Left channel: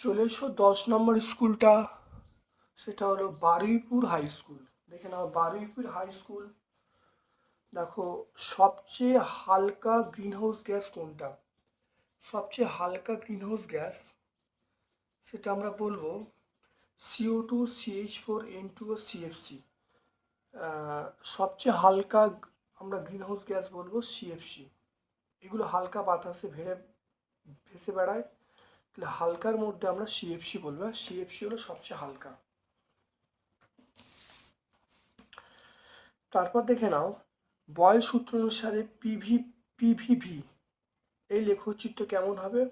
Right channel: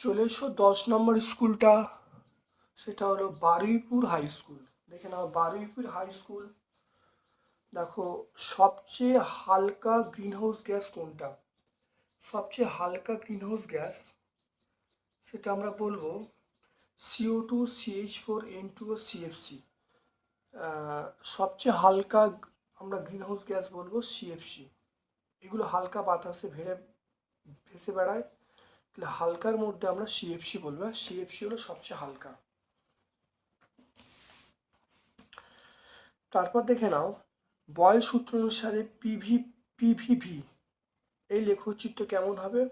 চলে এসো দশ নম্বর স্কুলটা, সেটা হলো বারুইপুর হাই স্কুল দেখে নাও বারুইপুর হাই স্কুল দেখো, সবচেয়ে হালকা গ্রিনহাউস গ্যাস কোনটা? সবচেয়ে হালকা গ্রিনহাউস গ্যাস সেটা আমরা বলব CO two CH four N two O CFC সবচেয়ে হালকা আমরা গ্রিনহাউস গ্যাস বলব সিএফসি এগুলো হালকা বাতাসে ভেড়ে, ভেসে বেড়ায়। তাহলে হালকার মধ্যে আমরা সিএফসি বলব সিএফসি হলো সবচেয়ে হালকা। তারপর দেখে নাও বয়েল সূত্র অনুসারে পিভি পিভিভি এই লেখচিত্র কেমন হবে?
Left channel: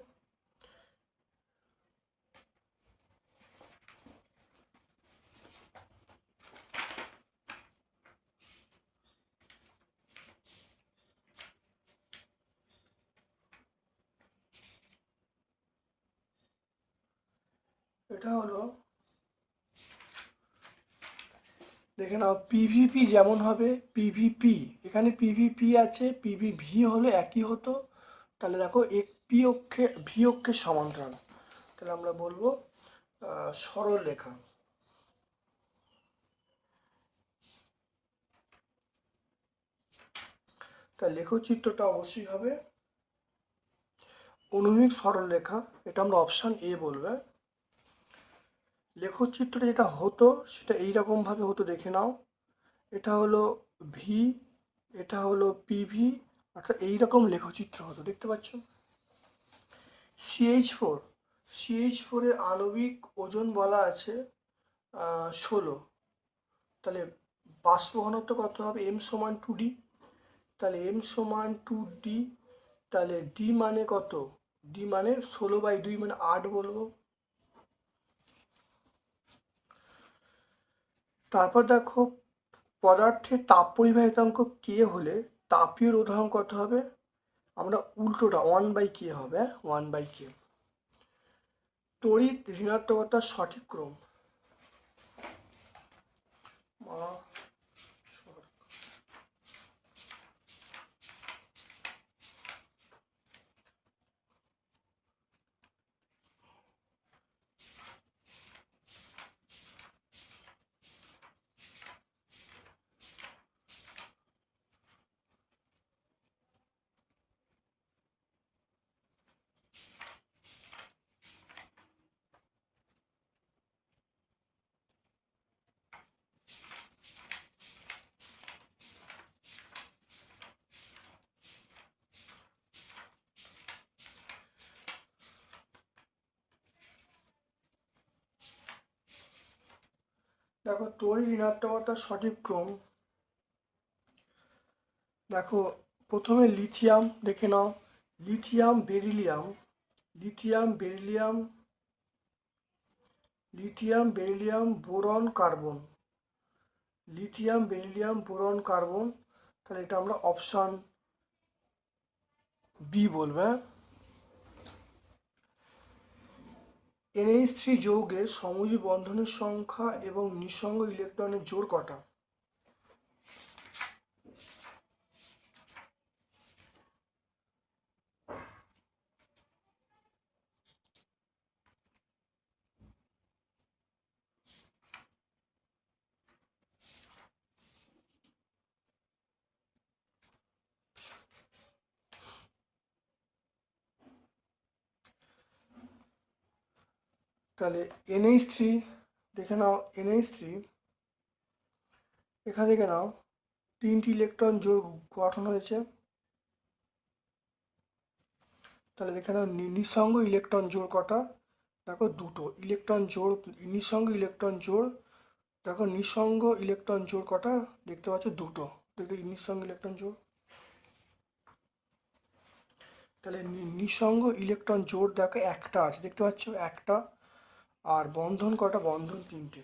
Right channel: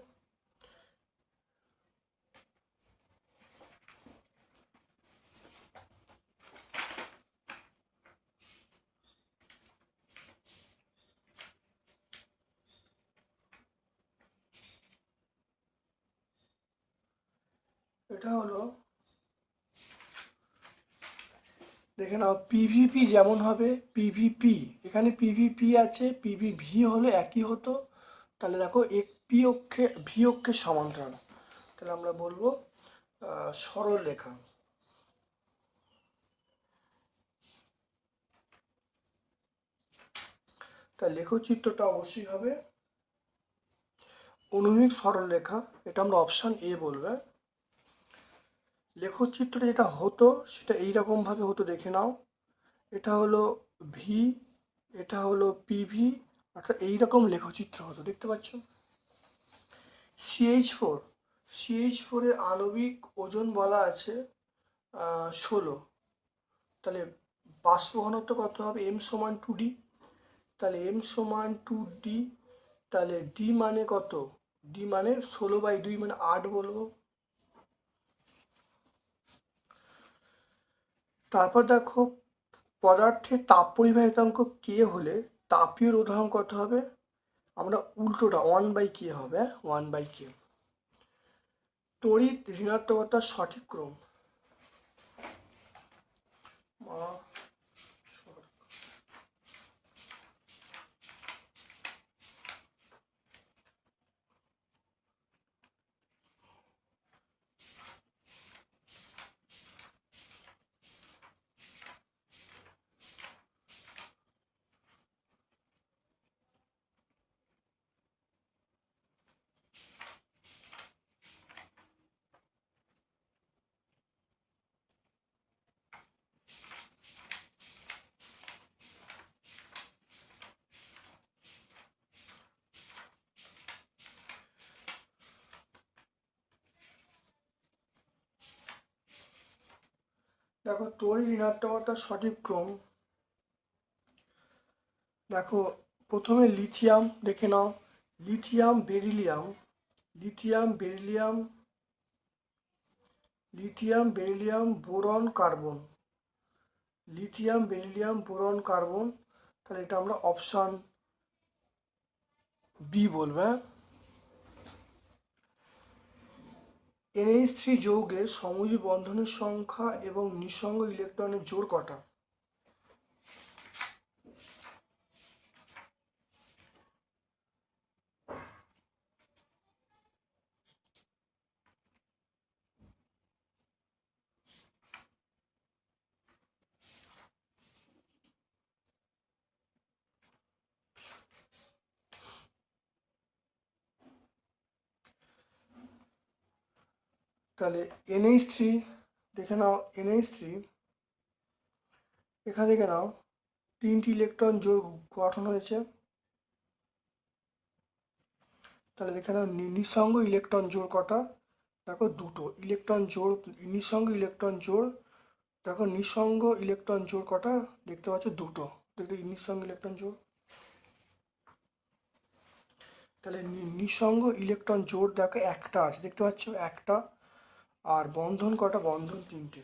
এটা হলো, দেখে নাও পিভিপি যেমন হবে পিভিপি এখানে পিভিপি আছে পিভিভি হলে একই হতো। তাহলে দেখো এক পি অক্ষে ভি অক্ষের সমান্তরাল। তাহলে আমরা বলব সরল রেখা। তাই লেখচিত্রটা অবশ্যই হবে অনুভূমিক সরল রেখা। এটা আমরা অপশান এ বলবে। লেখচিত্রটা যেটা হতো, সেটা এইরকম ভাবে হতো, দেখে নাও। এটা হলো ভি এটা হলো পিভি অর্থাৎ এইরকম লেখচিত্র হতো, দেখতে পাচ্ছ? সিএইচ ফোর সিএইচ ফোরের আণবিক ওজন বলা আছে ষোলো। তাহলে বাষ্প ঘনত্ব কত হবে? এম সমান টু ডি তাহলে এম সমান টু ডি তাহলে ডি মানে কত? ডি মানে ষোলো বাই দুই মানে আট বলব। তারপর দেখো পদার্থের তাপ পরিবাহিতাঙ্ক কে হলে তাপীয় উদাহরণ কত হবে? আমরা উল্টোটা ওয়ান বাই কে হবে ওয়ান বাই কে তড়িৎ ঋণাত্মকতার সঠিক ক্রম। দেখো তড়িৎ ঋণাত্মকতার সঠিক ক্রম। দেখো, প্রথমে লিথিয়াম দেখে নাও। Lithium beryllium. Lithium beryllium. Lithium beryllium boron carbon. Lithium beryllium boron carbon, তাহলে এটা আমরা অপশান বি বলব হ্যাঁ? এনএইচ থ্রি যৌগের সমযোজী বন্ধনের সংখ্যা এবং নিঃসঙ্গ ইলেকট্রনের জোর কটা? তাহলে এনএইচ থ্রি দেখে নাও এনএইচ থ্রি এখান থেকে নাও, তিনটি ইলেকট্রন জোর গঠন হয়েছে। তাহলে দেখে নাও নিঃসঙ্গ ইলেকট্রন জোর কটা? দেখো দুটো ইলেকট্রন জোর নিঃসঙ্গ ইলেকট্রন জোর দেখো নিঃসঙ্গ ইলেকট্রন জোর কটা? দেখতে পাচ্ছ দুটো, দেখতে নিঃসঙ্গ ইলেকট্রন জোর তাহলে নিঃসঙ্গ ইলেকট্রন জোর দেখো একটা আছে, দেখতে পাচ্ছ একটা। আর বন্ধন কটা? বন্ধন তিনটে।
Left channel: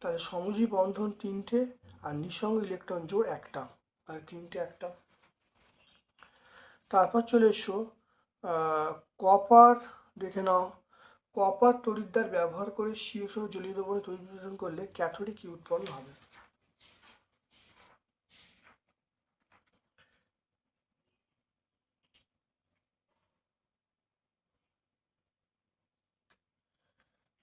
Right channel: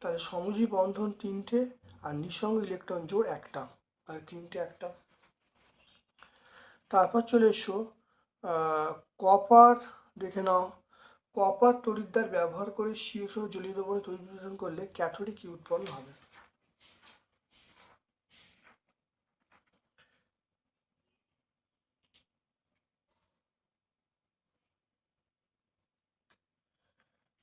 তাহলে সমজী বন্ধন তিনটে আর নিঃসঙ্গ ইলেকট্রন জোড় একটা। তাহলে তিনটে একটা। তারপর চলে এসো কপার দেখে নাও। কপার তরিদ্দার ব্যবহার করে শীর্ষ জলীয় দ্রবণে তৈরি করলে ক্যাথোডিক উৎপন্ন হবে।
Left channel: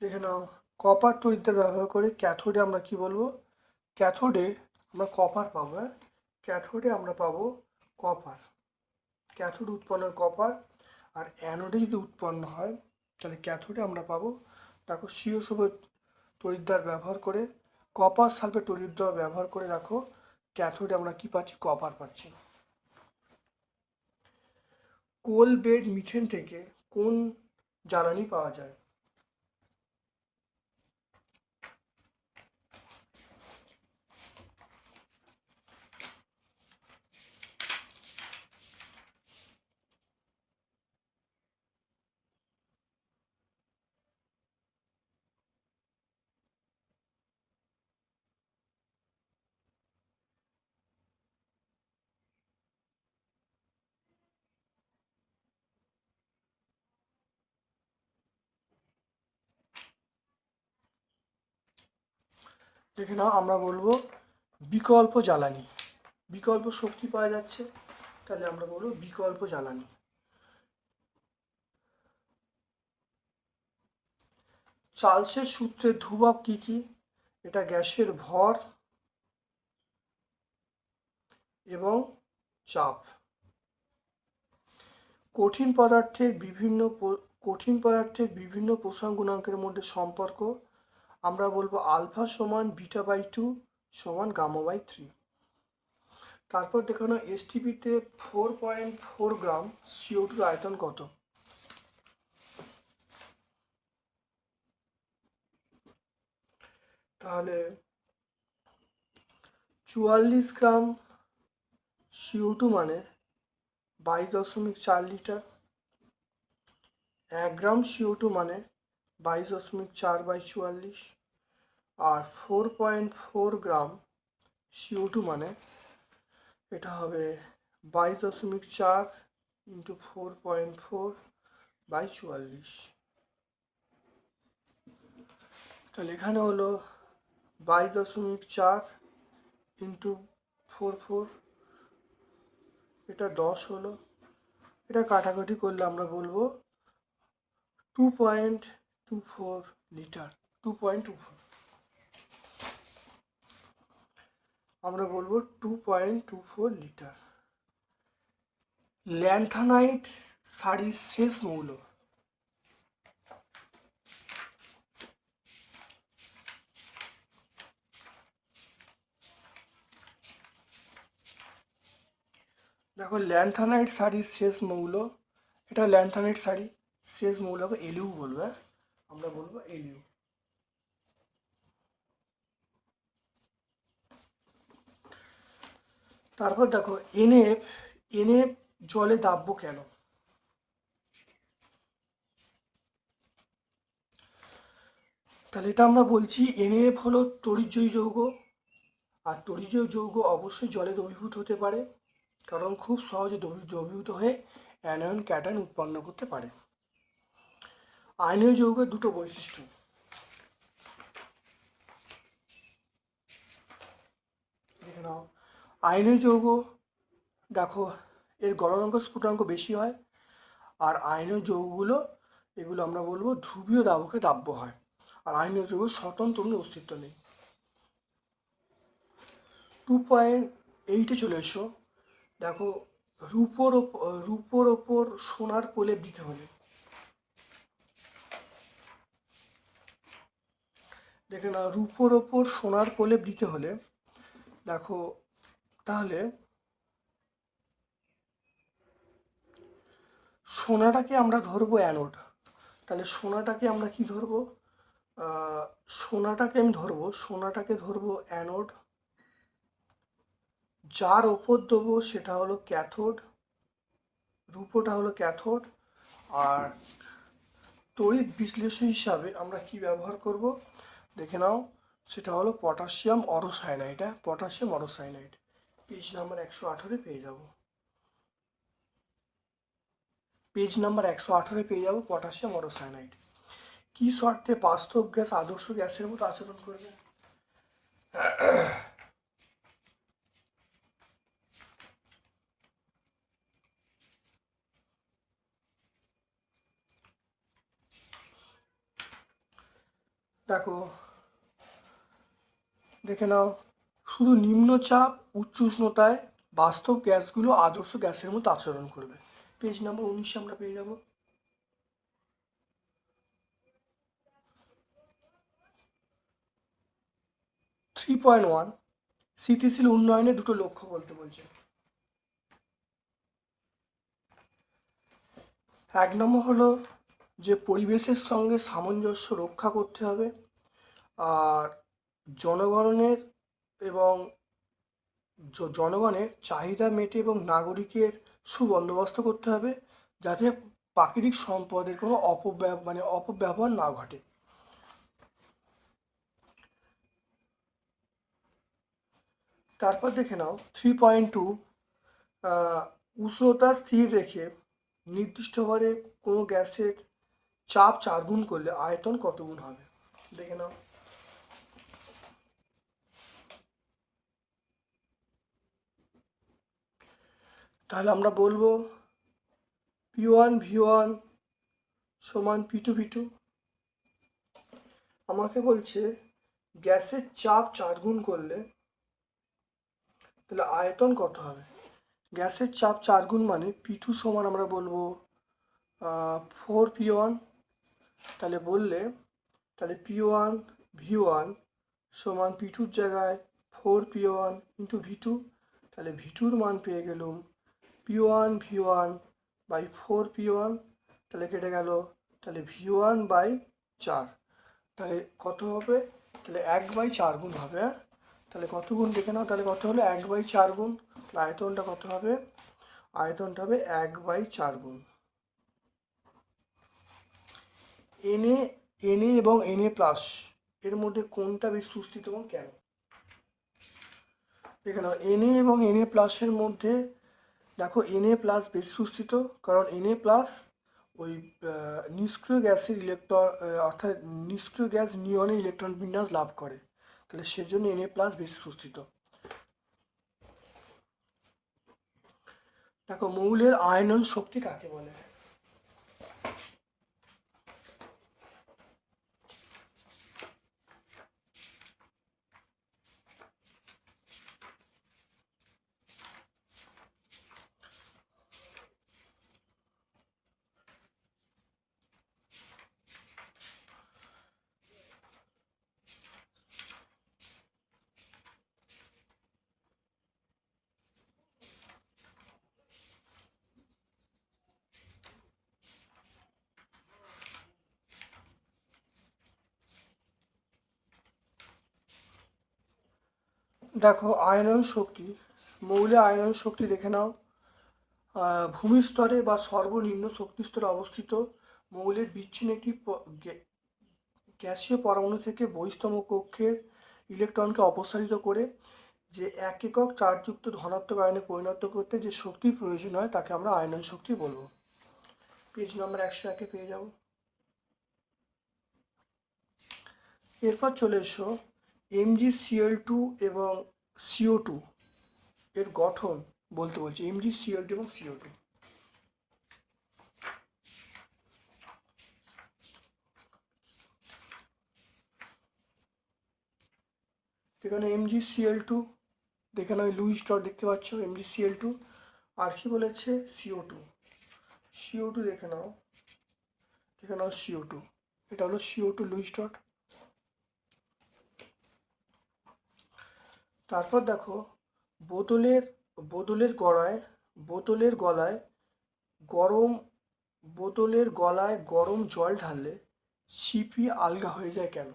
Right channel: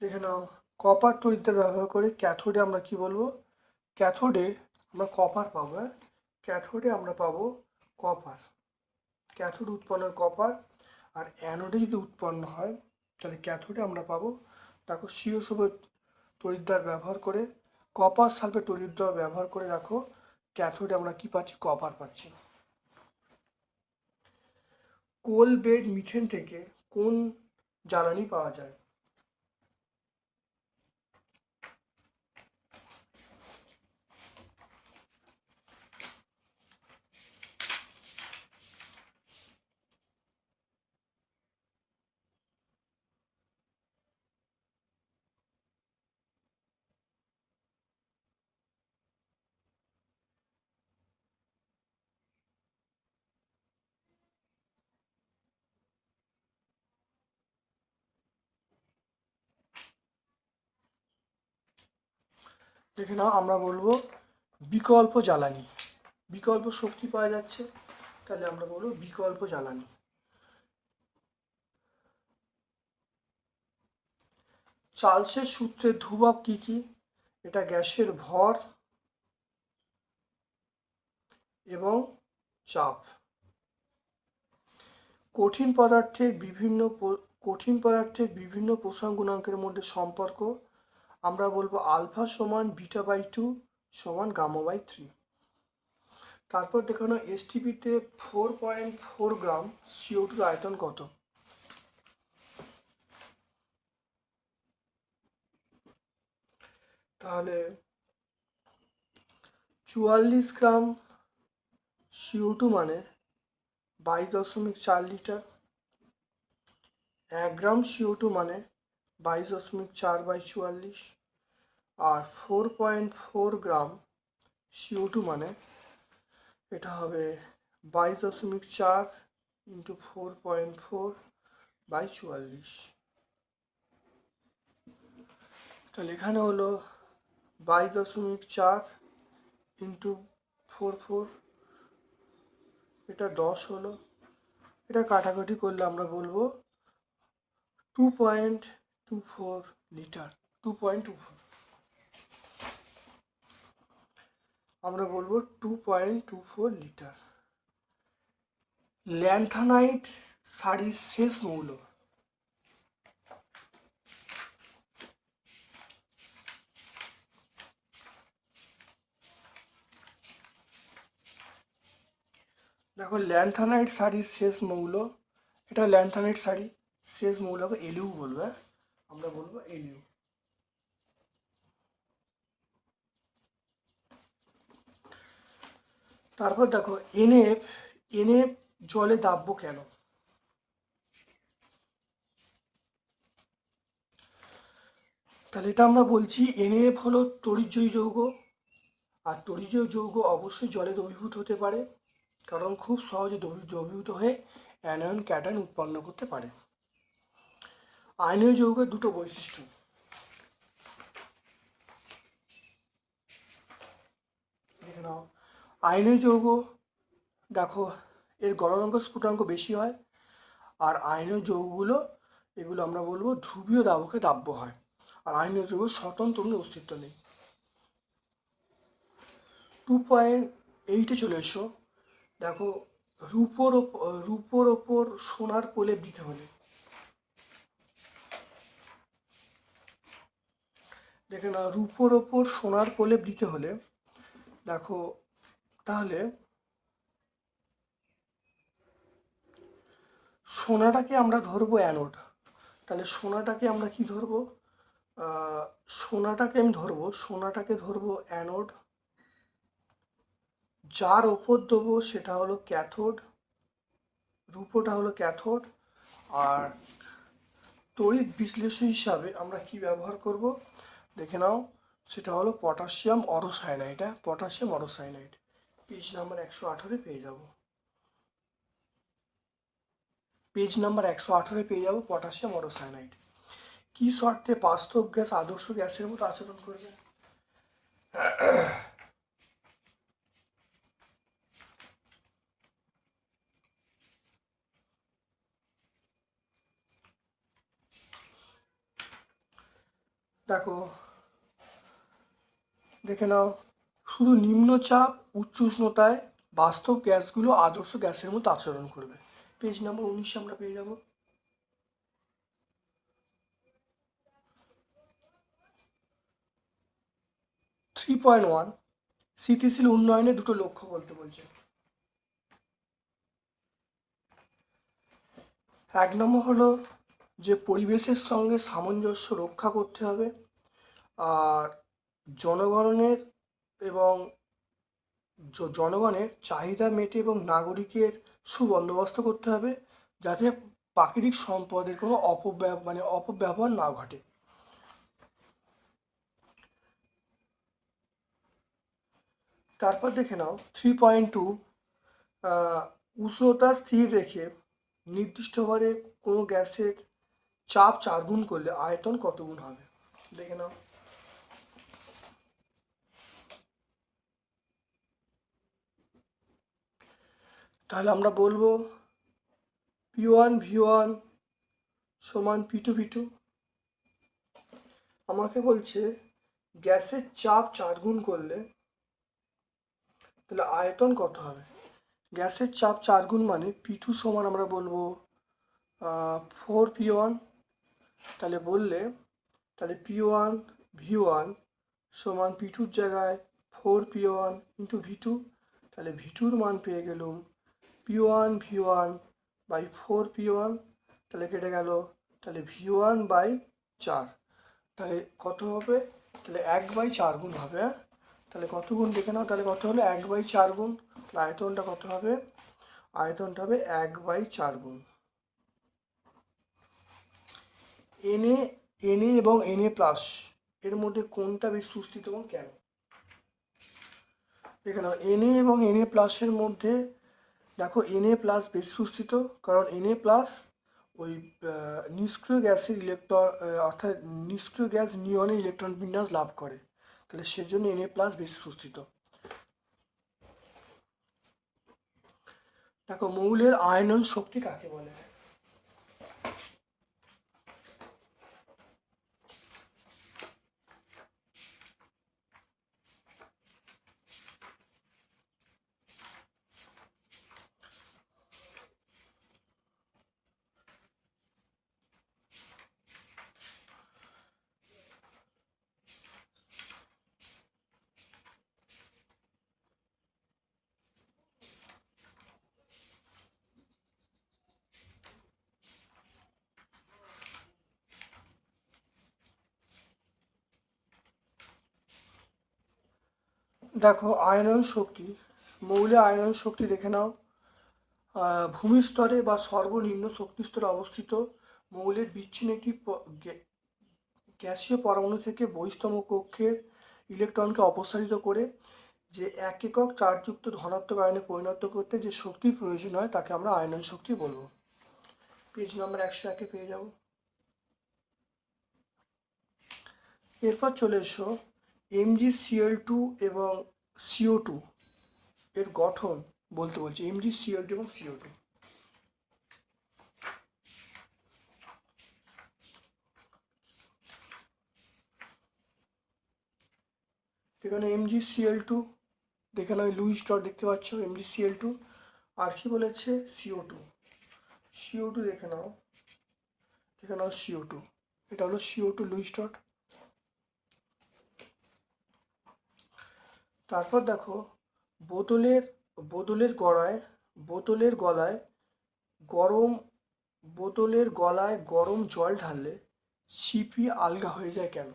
দেখে নাও। কপার তড়িৎদ্বার ব্যবহার করে ক্যাথোডে আমরা কি বলব? ক্যাথোডে আমরা কপার পাবো হ্যাঁ? ক্যাথোডে আমরা পাবো কপার ক্যাথোড উৎপন্নের কপার আর অ্যানোডে যদি উৎপন্ন হয়, তাহলে ক্যাথোডে আমরা পাবো দেখো শিরোসভে তড়িৎদ্বার ব্যবহার করে। কপার সালফেট তড়িৎদ্বার ব্যবহার করে দেখো ক্যাথোডে আমরা কি পাচ্ছি? কপার পাচ্ছি। কোল বেড মিথেন থেকে কোন জ্বালানি পাওয়া যায়? দেখে নাও, আমরা বলব বিকল্প জ্বালানি। বিকল্প শক্তি পাওয়া যাচ্ছে, তাহলে আমরা বলব বিকল্প জ্বালানি। চার্লসের সূত্রে ধ্রুবক কি কি? এটা গ্যাসের ভর এবং চাপ। কঠিন পদার্থের বিভিন্ন কঠিন পদার্থের বিভিন্ন পোষণ গুণাঙ্কের মধ্যে সম্পর্ক আমরা বলব আলফা সমান বিটা বাই টু সমান গামা বাই থ্রি। তারপর দেখানো এসটিপিতে four point four gram CO টুর আয়তন কত? তাহলে চুয়াল্লিশ গ্রাম সিও টু মানে বাইশ দশমিক চার লিটার। এক গ্রাম সিও টু মানে বাইশ দশমিক চার বাই চুয়াল্লিশ আর four point four gram CO two মানে এটা হবে বাইশ দশমিক চার into four point four by চুয়াল্লিশ তাহলে এখানে হলো বাইশ দশমিক চার ইন্টু ফোর ফোর এটা দশ হলো। এটা কাটাকাটি করলে আমরা বলব two point two four litre two point two আমরা বলব two point two four litre lanthanide শাড়ির শেষ মৌল। দেখো ল্যান্থানাইট শাড়ির শেষ মৌল, এটা ল্যান্থানাইট শাড়ি শেষ মৌলকে এলিউ বলব। আমরা বলব এলিউ তারপর দেখো, এনএফ এনএফ জলে দাব্য কেন? তাহলে এটা আমরা বলছি, এনএফ হলো তড়িৎজয়ী যৌগ, আর তড়িৎজয়ী যৌগ অবশ্যই জলে দ্রবীভূত হতে পারে, কারণ খুব সহজে দ্রবী- দ্রবীভূত হয়ে অ্যানায়ন, ক্যাটায়ন উৎপন্ন করতে পারে। আয়নীয় যৌগের দুটো বৈশিষ্ট্য। দেখে যৌগ দেখো, এর গলনাঙ্ক স্ফুটাঙ্ক বেশি হয়, আর আয়নীয় যৌগগুলো, এগুলো আমরা বলব ধ্রুবীয় দাবকে দাব্য হয়, আর আয়নীয় যৌগ স্বতন্ত্র কোনো অস্তিত্ব নেই। টু পয়েন্ট এইটে চলে এসো। দেখো, রূপোর রূপোর ওপর সোনার প্রলেপ দিতে হলে দেখে না রূপোর ওপর সোনার প্রলেপ দিতে হলে, দেখো, তাহলে সোনাটাকে আমরা ধরবো অ্যানোড তাহলে সোনাটাকে আমরা কি ধরবো? সোনাটাকে আমি ধরবো, সোনাটাকে ধরবো অ্যানোড যার ওপর দেবো সেটা হলো ক্যাথোড রূপোটা হলো ক্যাথোড আর তড়িৎ বিশ্লেষণ হিসাবে আমরা কি ব্যবহার করব? দেখে নাও, সেটা হলো পটাশিয়াম অরোসাইনাইড হ্যাঁ? পটাশিয়াম অরোসাইনাইড। পেজ নাম্বার একশো আঠারো পেয়ে যাব। পেজ নাম্বার একশো আঠারো পেয়ে যাব পটাশিয়াম অটোসায়ানাইড কী শর্তে বাস্তব গ্যাস, আদর্শ গ্যাসের মতো আচরণ করবে? দেখো দেখে নাও, শুধু নিম্নচাপ, উচ্চ উষ্ণতায় বাস্তব গ্যাসগুলো আদর্শ গ্যাসের মতো আচরণ করবে। পেজ নাম্বার উনিশে আমরা পেয়ে যাব। থ্রি পয়েন্ট ওয়ান স্থিতিশীল উন্নয়নে দুটো লক্ষ্য বলতে বলছে। এক নম্বর হলো যে পরিবেশের সঙ্গে সামঞ্জস্য রক্ষা করতে হবে। আর জনগণের এবং জনগণের চাহিদা মেটে এবং নাগরিকের সুবন্দোবস্ত করতে হবে যাতে প্রাকৃতিক সম্পদের কোনো অপব্যব মানে অপব্যবহার না ঘটে। তারপর দেখে নাও থ্রি পয়েন্ট টু উষ্ণতা স্থির রেখে নির্দিষ্ট হারে কোনো গ্যাসের চাপ চার গুণ করলে আয়তন কত গুণ হবে? দেখে নাও। তাহলে আমরা বলব পি ওয়ান ভি ওয়ান সমান পি টু ভি টু আমাকে বলছে গ্যাসের চাপ চার গুণ করলে তাহলে আয়তন কত হবে? গ্যাসের চাপ চার গুণ মানে পি টু সমান আমরা বলব ফোর পি ওয়ান তাহলে বললে তাহলে পি ওয়ান ভি ওয়ান সমান পি টুর জায়গায় four P one into V two তাহলে ভি টুর মান পেয়ে গেলুম P one V one by four P one তাহলে কেটে গেল, তাহলে ভি ওয়ান বাই চার। তাহলে কত হবে? তাহলে এক বাই চার গুণ হবে হ্যাঁ? তাহলে কত গুণ দেখে নাও, তাহলে কত হলো? এক বাই চার গুণ। তাহলে আয়তনটা কত হবে? আয়তনটা হবে এক বাই চার গুণ। এনএ এনএ এবং এনএ প্লাস এর মধ্যে কোনটা বেশি সুস্থিত এবং কেন? দেখে নাও এনএ এবং এনএ প্লাসের মধ্যে দেখো এনএ প্লাস বেশি সুস্থিত, কারণ এনএ প্লাস ওই নিষ্ক্রিয় গ্যাসের ইলেকট্রন অর্থাৎ নিষ্ক্রিয় গ্যাস নিয়নে ইলেকট্রন বিন্যাস লাভ করে। তাহলে সেজন্য এনএ প্লাস বেশি সুস্থিত। দেখো মৌলের আয়নন শক্তি কাকে বলে? দেখো আয়নন শক্তি মৌলে আয়নন শক্তি দেখে নাও। ভূমিস্তরে বা সর্বনিম্ন শক্তি স্তরে অবস্থিত মৌলের বিচ্ছিন্ন একটি গ্যাসীয় পরমাণু থেকে বহিস্তম কক্ষের ইলেকট্রনকে অপসারিত করে যে এক একক চার্জযুক্ত ধনাত্মক আয়নে পরিণত করতে যে শক্তির প্রয়োজন হয় তাকে আমরা আয়নন শক্তি বলব। পেজ নাম্বার একশো একে পেয়ে যাব। এরপর চলে এসো। এমজি সিএল টু এবং সিও টু এর গঠন বলতে বলছি এমজি সিএল টু এবং সিও টু এখানে এমজি সিএল টু দেখে নয় লুইস ডট দেখতে পাচ্ছ এমজি সিএল টু আর কি বলেছে? সিও টু সিও টু দেখে নাও। দেখে নাও সিও টু এটা হলো সিও টু লুইস ডট তারপর দেখো, বোতলের বোতলের গড়ায়, বোতলের গলায় গরম, বোতলের গলায় গরম জল ঢাললে ছিপি আলগা হয়ে যায় কেন?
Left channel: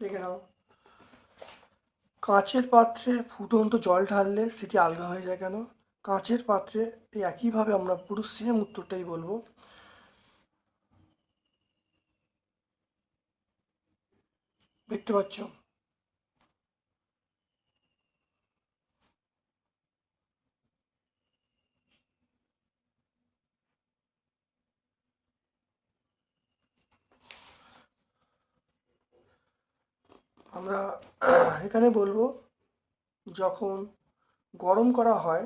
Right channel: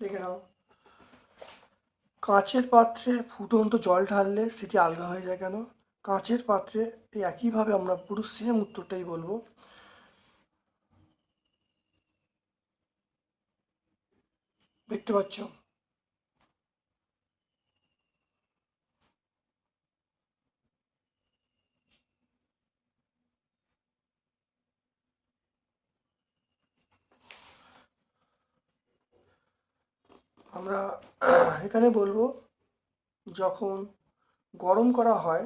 দেখে নাও। কাঁচের পাত্রে ফুটন্ত জল ঢাললে সেটি আলগা হয়ে যায় কেন? কাঁচের পাত্রে একইভাবে আমরা পুরো সেম উত্তরটাই বলব। দেখতে পাচ্ছ? আমরা এখানে বলব, যখন গরম করা হয়,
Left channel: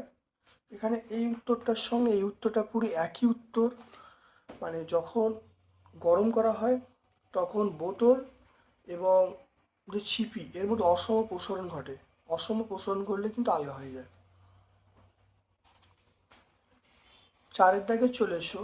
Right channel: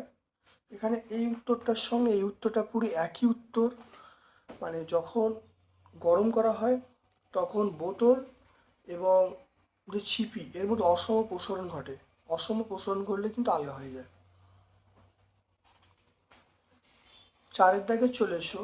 এখানে এই উত্তরটার সঙ্গে এই উত্তরটা পুরো একই উত্তর। মানে যখন গরম করা হয়, তখন বোতল এবং যে ছিপি, এর মধ্যে অসম প্রসারণ ঘটে। অসম প্রসারণ করলে কিন্তু আলগা হয়ে যায়। চারের দাগে চলে এসো।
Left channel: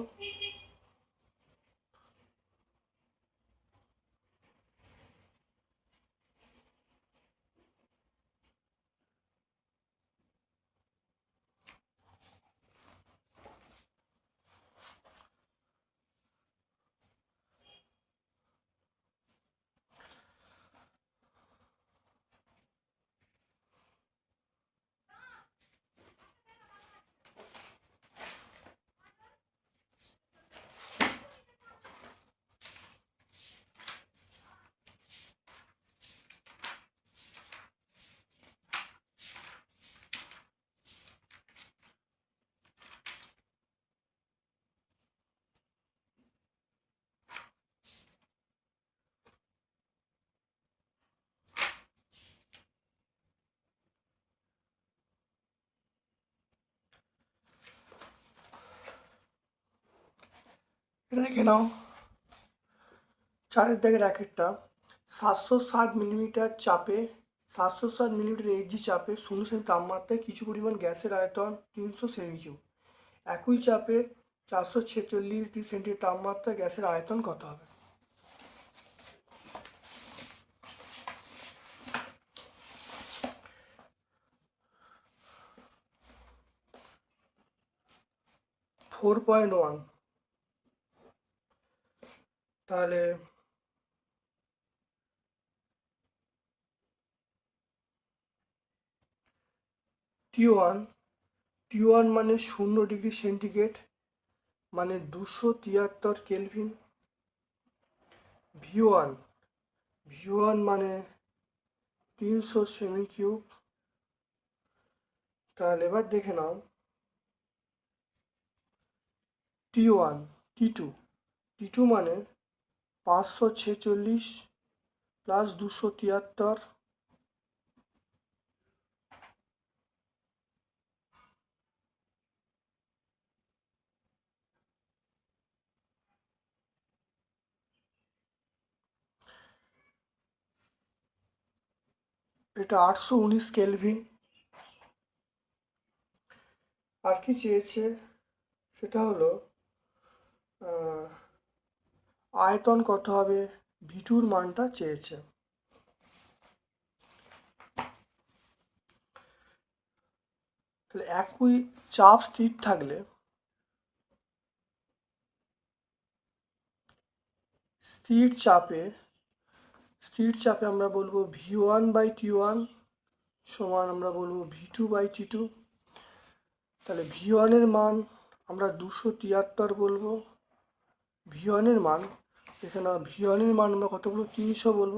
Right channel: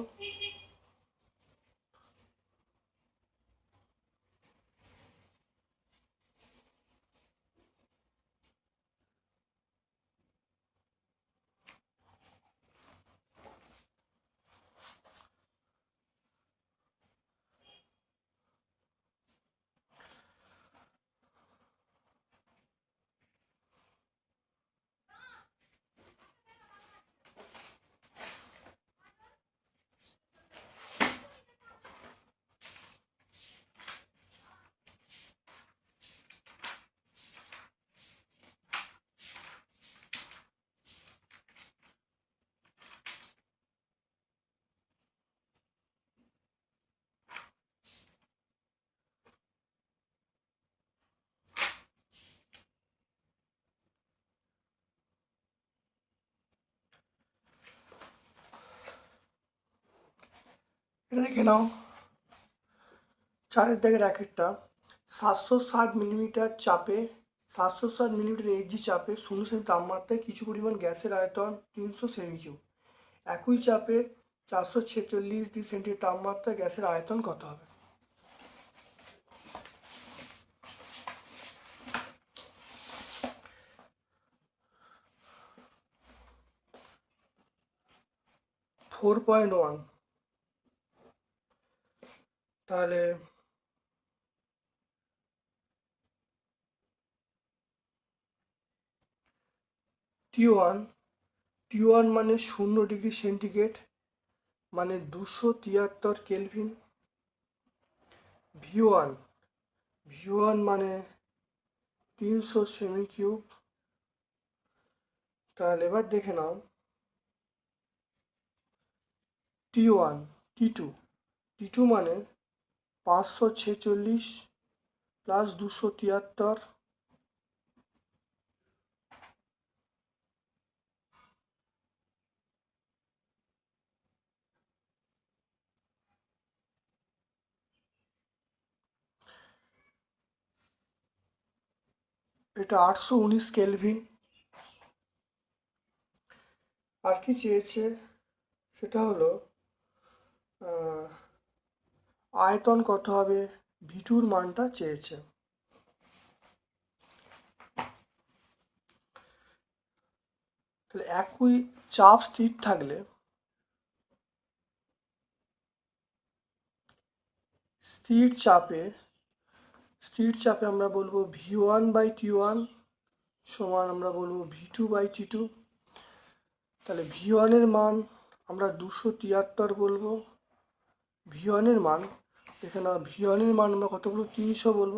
এটা দেখে নাও। চারের দাগের র্যাকেটটা। সাতশো সাত মিলিমিটার চাপে, সাতশো সাত মিলিমিটার এইচজি চাপে শূন্য সেমি তাপমাত্রায় কিছু পরিমাণ গ্যাসের আয়তন তিনশো সেমি কিউ একই চাপে চারশো ছেচল্লিশ ডিগ্রি সেন্টিগ্রেড তাপমাত্রায় গ্যাসের আয়তন কত হবে? Four point one. তাহলে টি ওয়ান টি ওয়ান মানে শূন্য ডিগ্রি সেন্টিগ্রেড মানে দুশো তিয়াত্তর kelvin. V one V one মানে তিনশো সেমি কিউব তাহলে এবার দেখে নাও। T one T two T two মানে পাঁচশো ছেচল্লিশ প্লাস দুশো তিয়াত্তর। এটা আটশো উনিশ কেলভিন। আর কি চেয়েছে? সেটা হলো আয়তন কত হবে? ভিটুর মানটা চেয়েছে। তাহলে একই চাপ স্থির থাকলে স্থির চাপে স্থির চাপে আমরা বলব V one by T one সমান আমরা বলব V two by T two তাহলে ভি ওয়ানের মান আমরা দুশো তিয়াত্তর বলব। ভি ওয়ানের মান এখানে ভি ওয়ানের মান আমরা কত বলব? তিনশো বলব।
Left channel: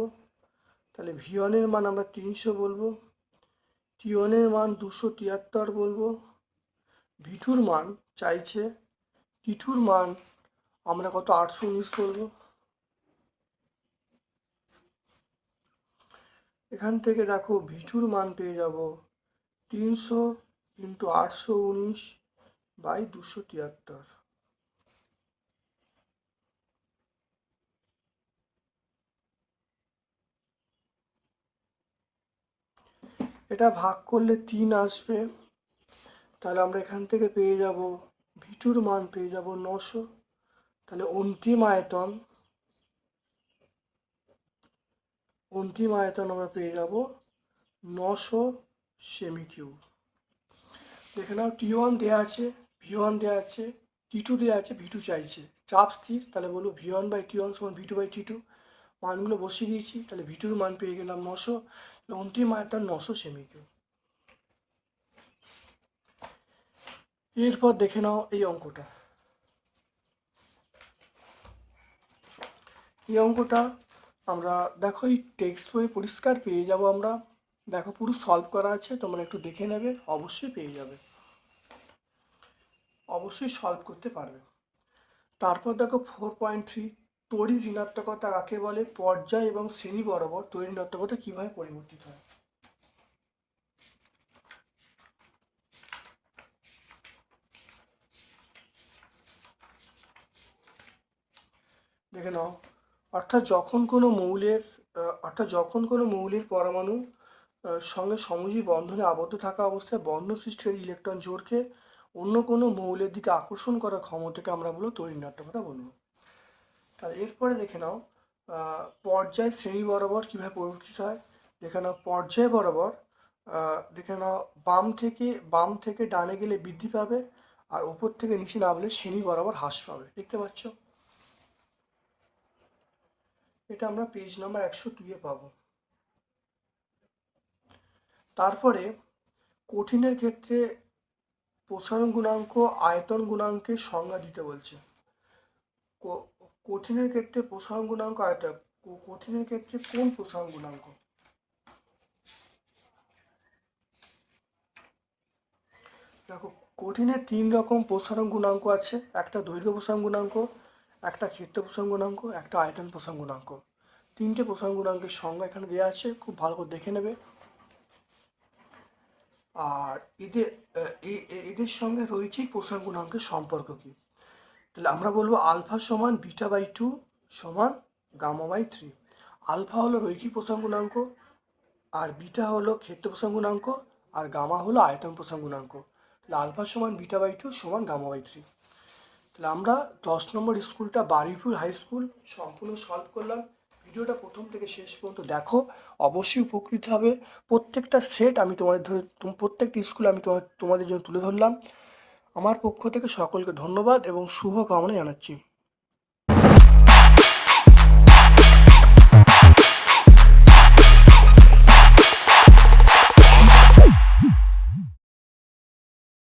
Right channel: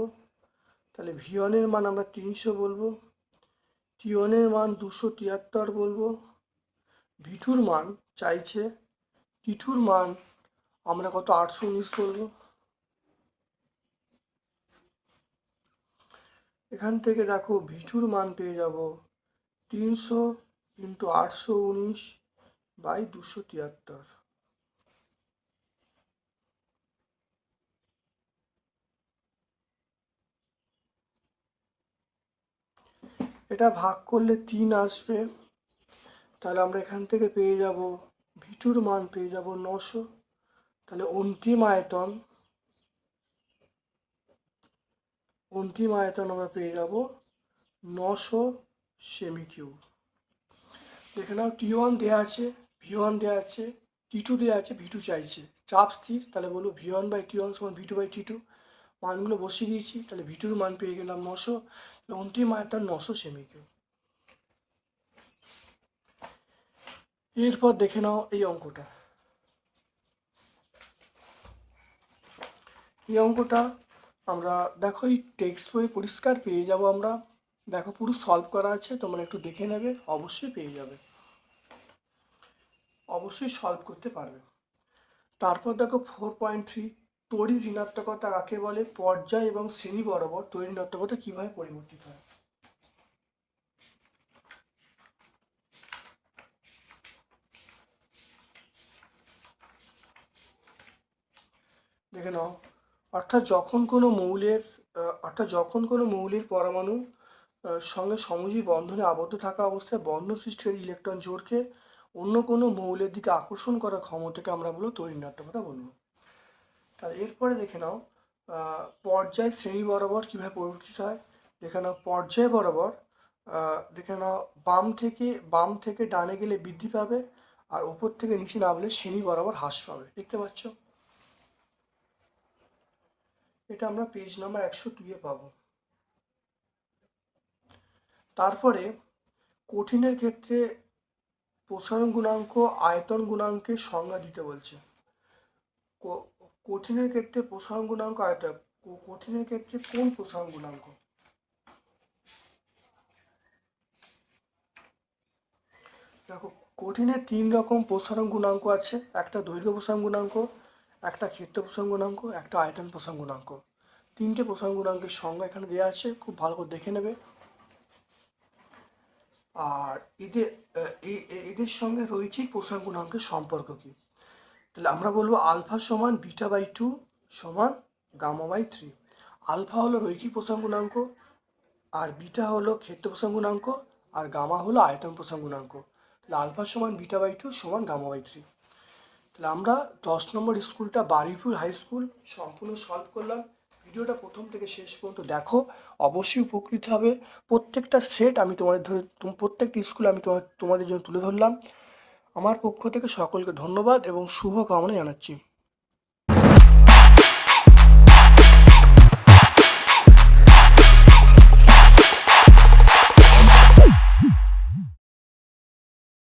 তাহলে ভি ওয়ানের মান আমরা তিনশো বলব। টি ওয়ানের মান দুশো তিয়াত্তর বলব। ভিটুর মান চাইছে, টিটুর মান আমরা কত? আটশো উনিশ বলব। এখান থেকে দেখো ভিটুর মান পেয়ে যাব তিনশো ইন্টু আটশো উনিশ বাই দুশো তিয়াত্তর। এটা ভাগ করলে তিন আসবে। তাহলে আমরা এখান থেকে পেয়ে যাব ভিটুর মান, পেয়ে যাব নশো। তাহলে অন্তিম আয়তন অন্তিম আয়তন আমরা পেয়ে যাব নশো সেমি কিউব। দেখে নাও টি ওয়ান দেওয়া আছে ভি ওয়ান দেওয়া আছে টি টু দেওয়া আছে ভি টু চাইছে। চাপ স্থির, তাহলে বলব V one by T one সমান V two by T two মানগুলো বসিয়ে দিয়েছি, তাহলে ভিটুর মান পেয়ে গেলাম নশো। অন্তিম মানটা নশো সেমি এরপর দেখে নাও এই অঙ্কটা। এই অঙ্কটা আমরা দেখো এই টেক্সট বই পরিষ্কার পেয়ে যাব আমরা। দেখো পুরো সলভ করা আছে, তোমরা একটু দেখে নেবে, অবশ্যই পেয়ে যাবে। অবশ্যই সলভ করতে পারবে। তারপর দেখো ফোর পয়েন্ট থ্রি তড়ি ঋণাত্মকতা কাকে বলে? পর্যায় এবং শ্রেণি বরাবর তড়ি ঋণাত্মকতা কীভাবে পরিবর্তিত হয়? দেখে নাও। অর্থাৎ যখন কোনো মৌলের অর্থাৎ যখন কোনো মৌলের পরমাণু সঙ্গে সমযোজী বন্ধনে আবদ্ধ থাকা অবস্থায় বন্ধ সৃষ্টির ইলেকট্রন জোরকে অন্য কোনো মৌলের দিকে আকর্ষণ করার ক্ষমতাকে আমরা বলব তরিণাত্মকতা বলব। তাহলে এরপরে দেখে নাও পর্যায় শ্রেণি বরাবর কীভাবে পরিবর্তিত হয়। দেখে নাও, পর্যায় বরাবর দেখে নাও, বাম থেকে বাম থেকে ডানে গেলে বৃদ্ধি পাবে আর ওপর থেকে নিচে নামলে শ্রেণি বরাবর হ্রাস পাবে। দেখতে পাচ্ছ? এটা আমরা পেজ নাম্বার একশো দুইয়ে পাবো। তারপরে কঠিনের ক্ষেত্রে প্রসারণ গুণাঙ্ক, আয়তন গুণাঙ্কের সংজ্ঞা দিতে বলছে। কঠিনের ক্ষেত্রে প্রসারণ গুণাঙ্ক ক- কঠিনের ক্ষেত্রে কোন প্রসারণ গুণাঙ্ক? দেখো কঠিনের তিন রকম প্রসারণ গুণাঙ্ক আছে। একটা দৈর্ঘ্য প্রসারণ গুণাঙ্ক, একটা ক্ষেত্র প্রসারণ গুণাঙ্ক, একটা আয়তন প্রসারণ গুণাঙ্ক। তিনটে প্রসারণ গুণাঙ্কের সংজ্ঞা এখানে দেওয়া আছে, খুব ভালো করে দেখে নেবে। আর এদের এদের সঙ্গে রৈখিক প্রসারণ গুণাঙ্কের সম্পর্ক কি? তাহলে আমরা বলব আলফা সমান বিটা বাই টু সমান গামা বাই থ্রি। আলফা হলো রৈখিক প্রসারণ গুণাঙ্ক, আর বিটা হলো ক্ষেত্র প্রসারণ গুণাঙ্ক, আর গামা হলো আয়তন প্রসারণ গুণাঙ্ক। তাহলে আলফা সমান বিটা বাই টু সমান গামা বাই থ্রি। তাহলে আমরা দশ নম্বর স্কুলটা বারুইপুর হাই স্কুল সম্পূর্ণ সলভ করলাম। ভিডিওটা প্রথম থেকে শেষ পর্যন্ত দেখো, অবশ্যই উপকৃত হবে। প্রত্যেকটা সেট আমি তোমাদের ধরে প্রত্যেকটা স্কুল আমি তোমার তোমাদের জন্য তুলে ধরলাম। আমার পক্ষ থেকে সকলকে ধন্যবাদ এবং শুভকামনা জানাচ্ছি।